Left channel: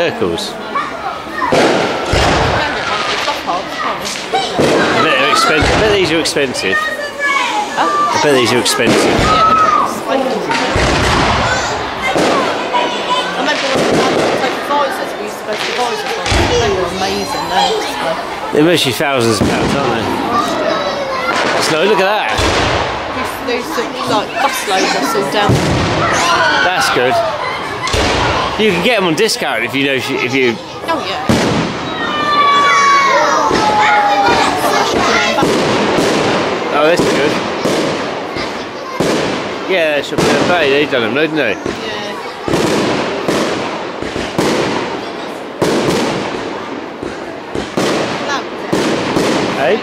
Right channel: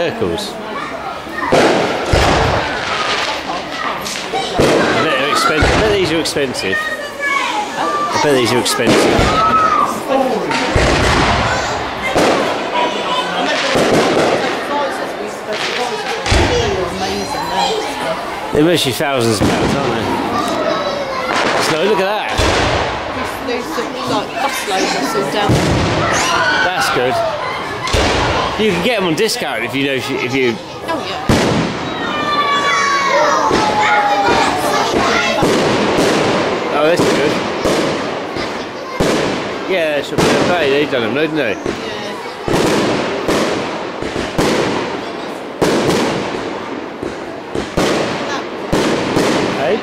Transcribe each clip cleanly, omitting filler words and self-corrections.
circles. I bet they're expensive. I bet these are expensive. I bet these are expensive. They're mostly thousands of pounds, aren't they? So look at that. These like bus loads are still down. That's good. You can get them on discount if you know if you. Oh yeah. Oh, that's good. Yeah, they should be okay. They've done them, didn't they? Yeah. Hey?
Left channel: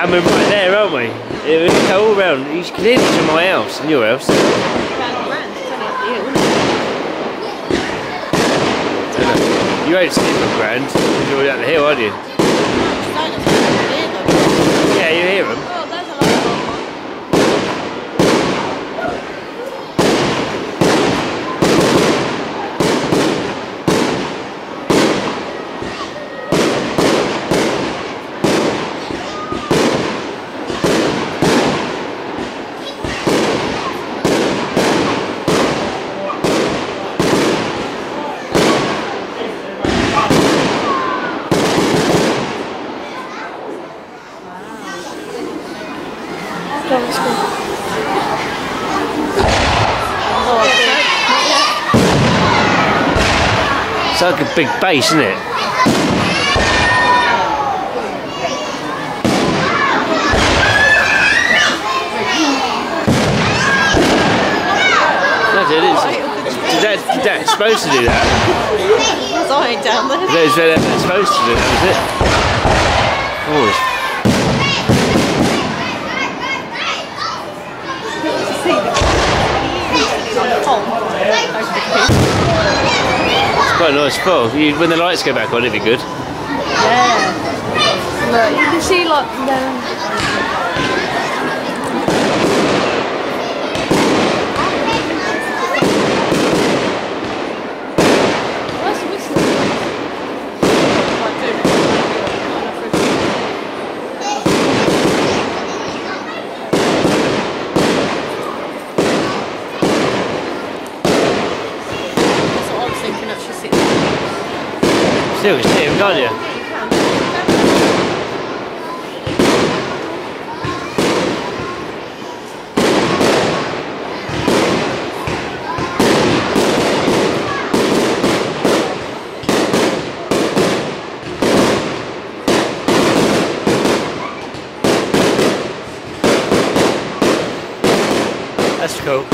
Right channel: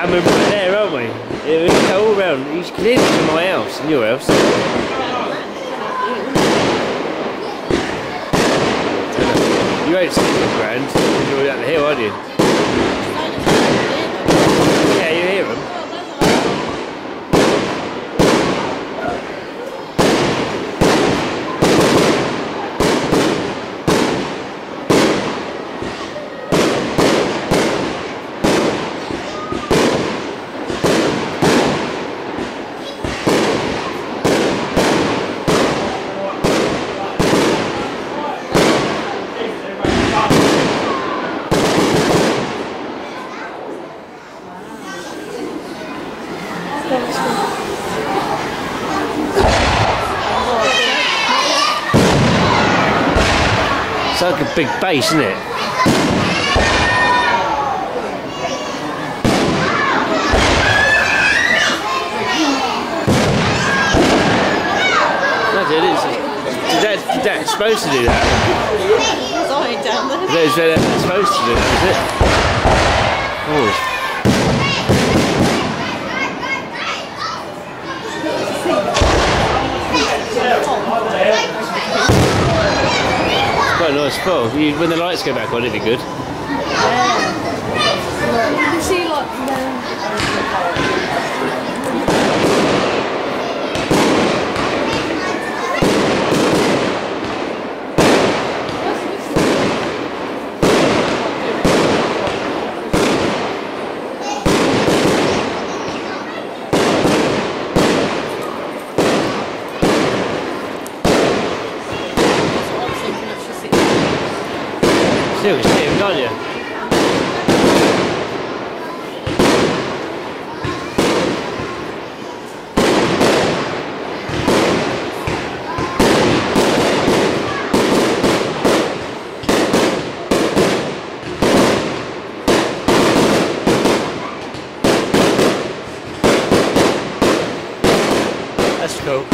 And we're right there, aren't we? Yeah, we can go all round. You can hear this from my house and your house. You ain't sleeping grand because you're down the hill, aren't you? Yeah, you hear them. It's like a big base, isn't it? No, dude, is that supposed to do that? Sorry, down there. Is that supposed to do that, is it? Oh. Quite a nice spot. When the lights go back on, it'd be good. Yeah. Look, you can see like Still, you see him, can't you? That's cool.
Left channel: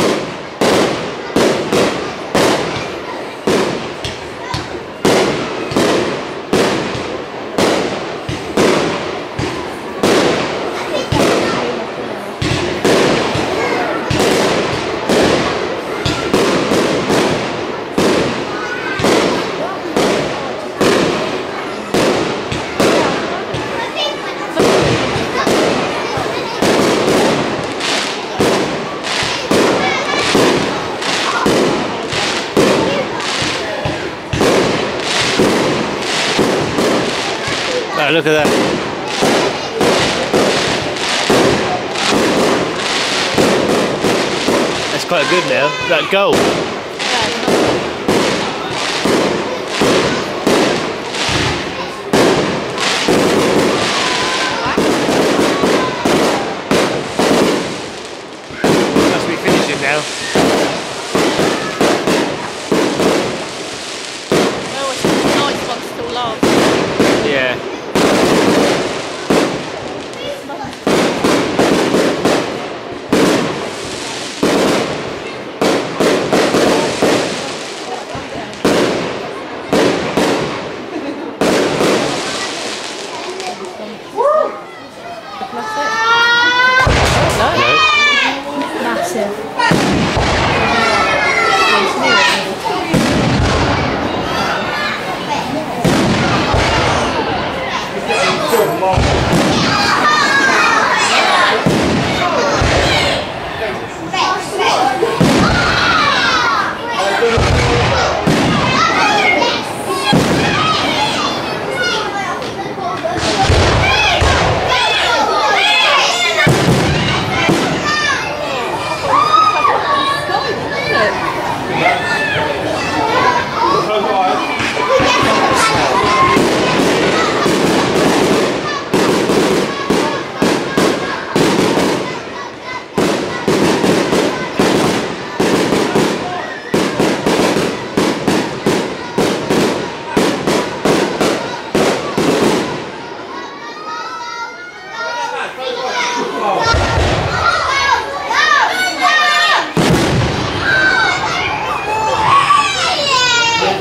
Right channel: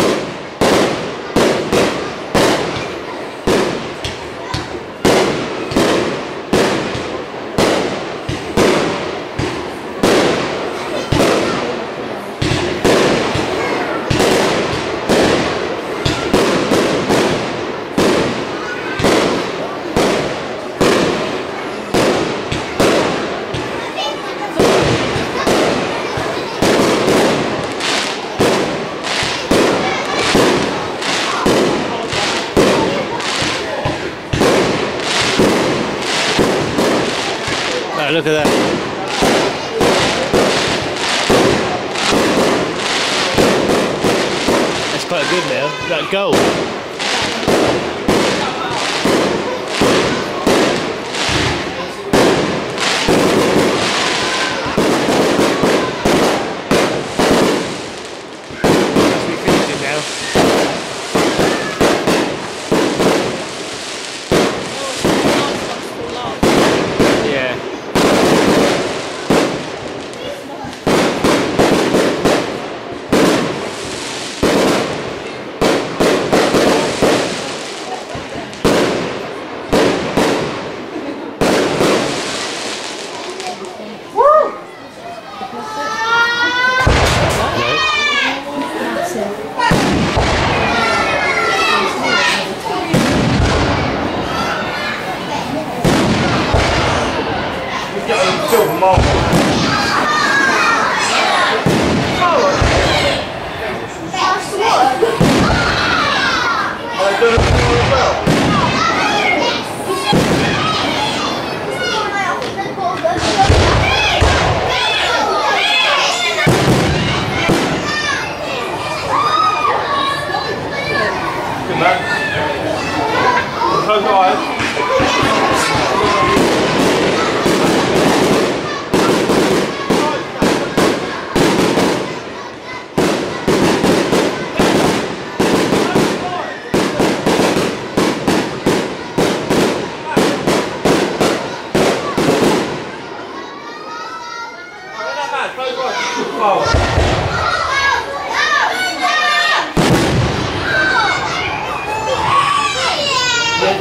Oh, look at that. That's quite good now. That gold. Must be finishing now. Yeah. Massive.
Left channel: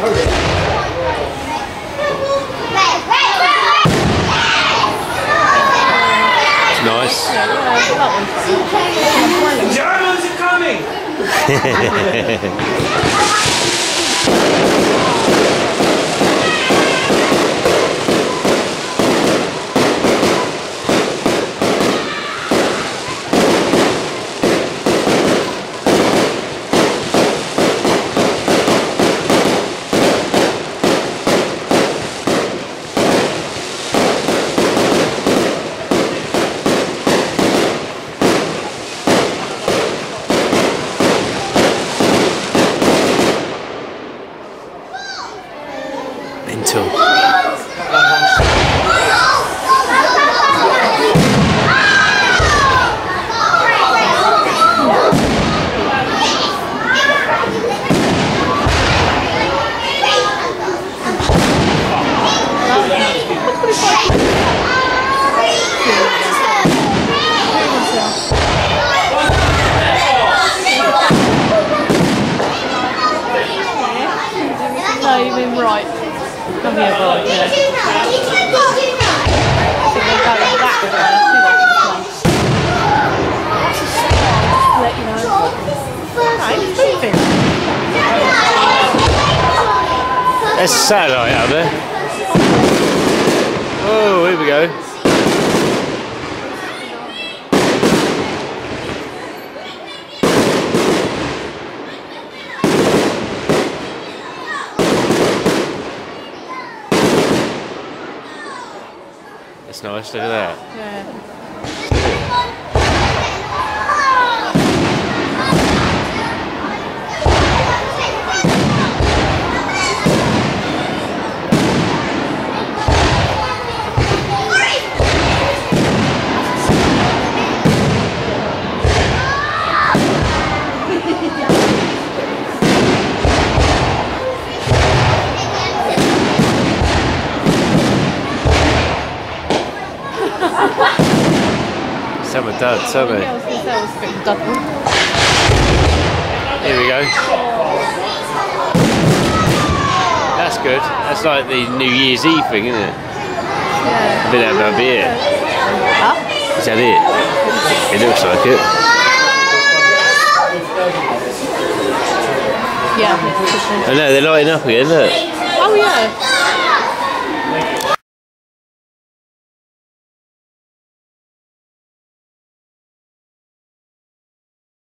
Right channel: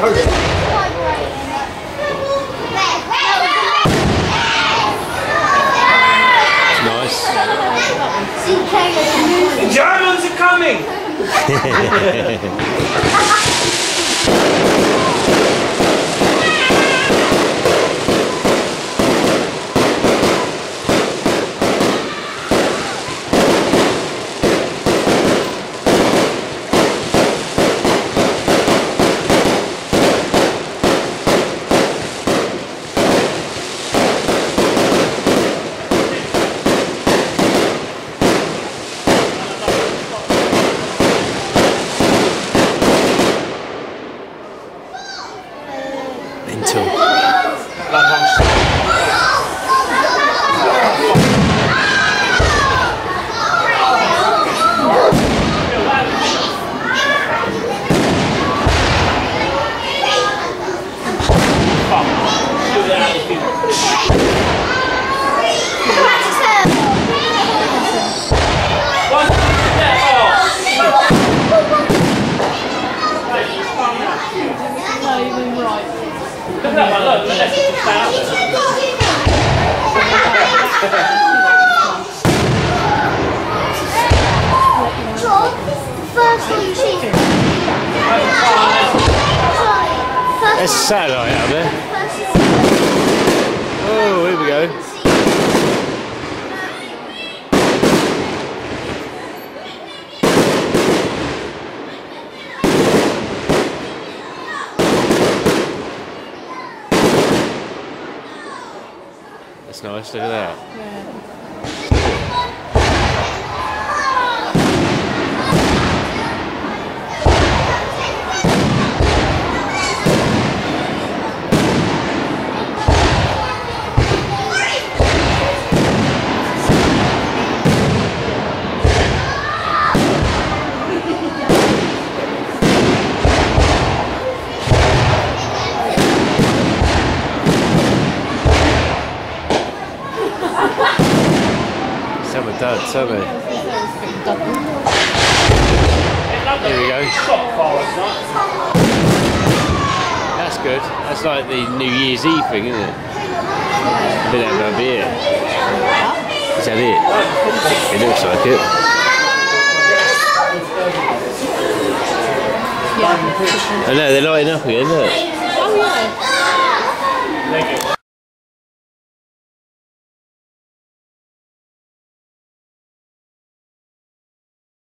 It's nice. The Germans are coming! Mental. No, you've been right. Come here, There's a satellite out there. Oh, here we go. That's nice, look at that. Yeah. Some are duds, aren't they? Here we go. That's good. That's like the New Year's Eve thing, isn't it? Yeah. Been having a beer. Huh? Is that it? It looks like it. Yeah. I know, they're lighting up again, look. Oh yeah.